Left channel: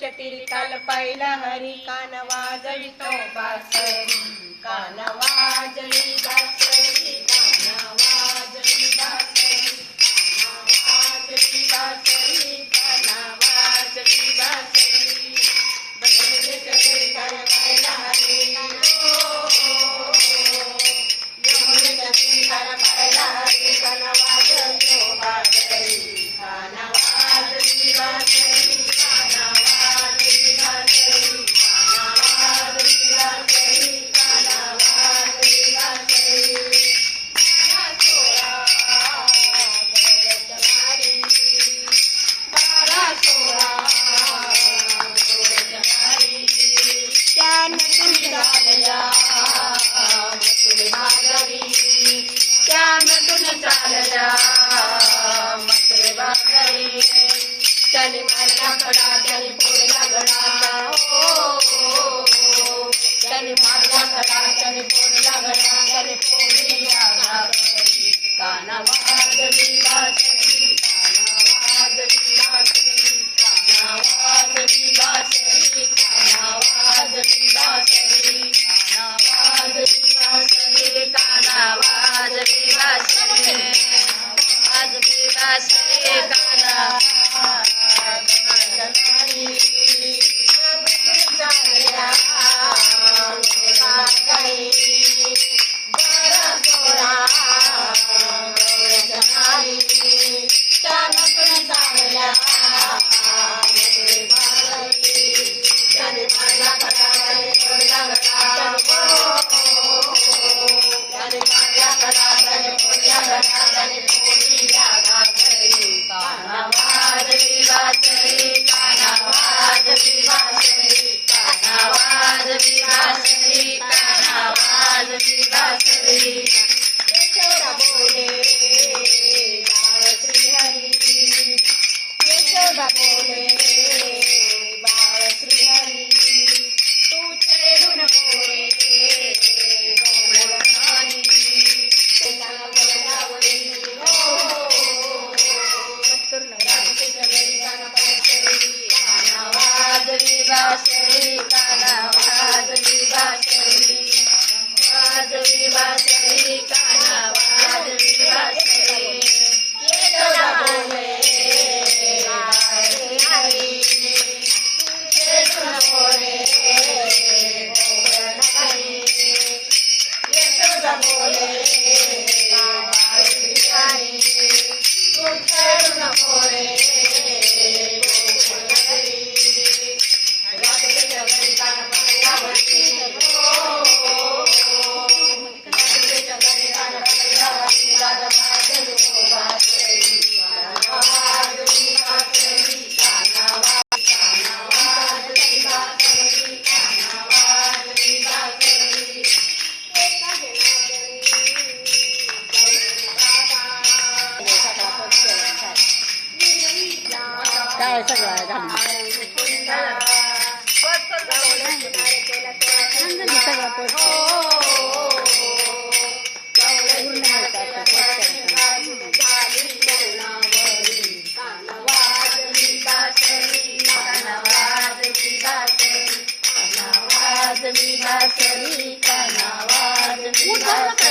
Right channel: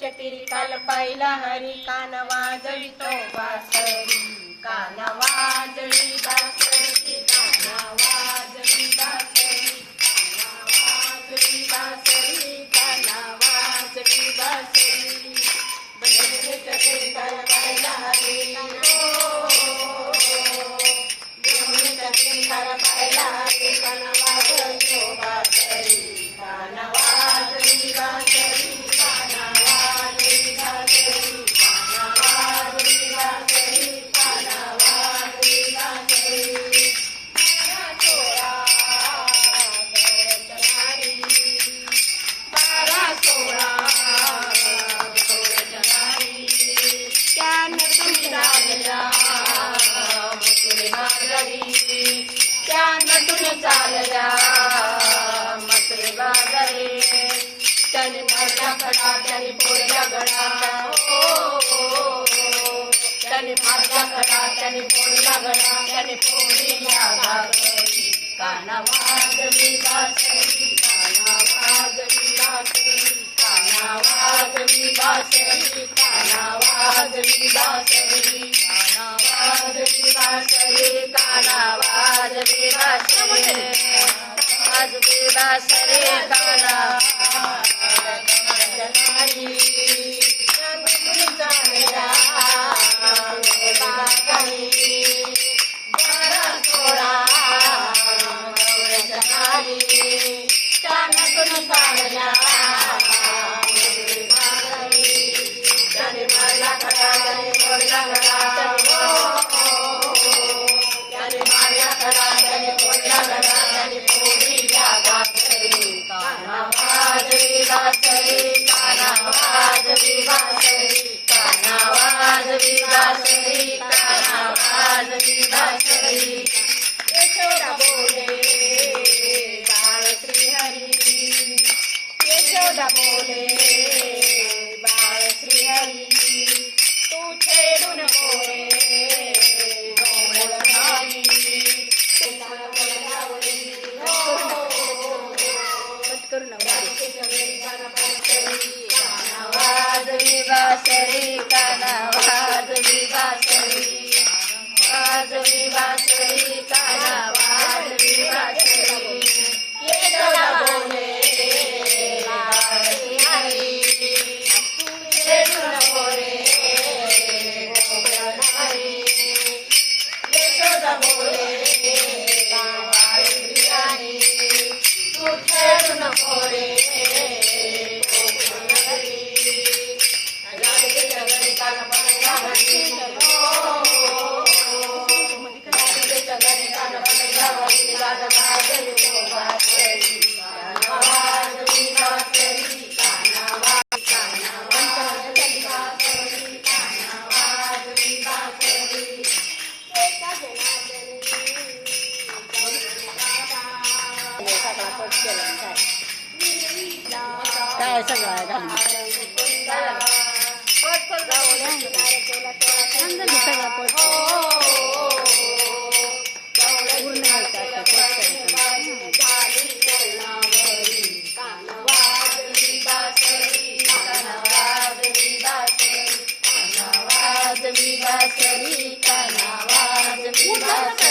काल पाहिला हरी कान वाजळी तो बासरी. कान वाजळी बासरी. त्याने मारला खडा त्याने फोडला घडा त्याने फोडल्या भाकरी काना वाजली बासरी. okay. काय सगळं घालून सगळं पोट पूर्ण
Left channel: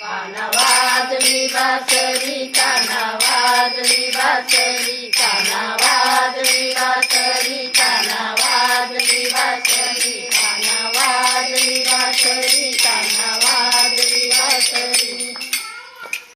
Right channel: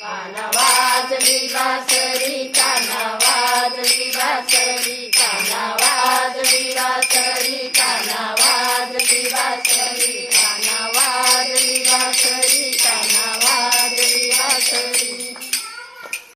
कानावाजली बासरी कानावाजली बासरी कानावा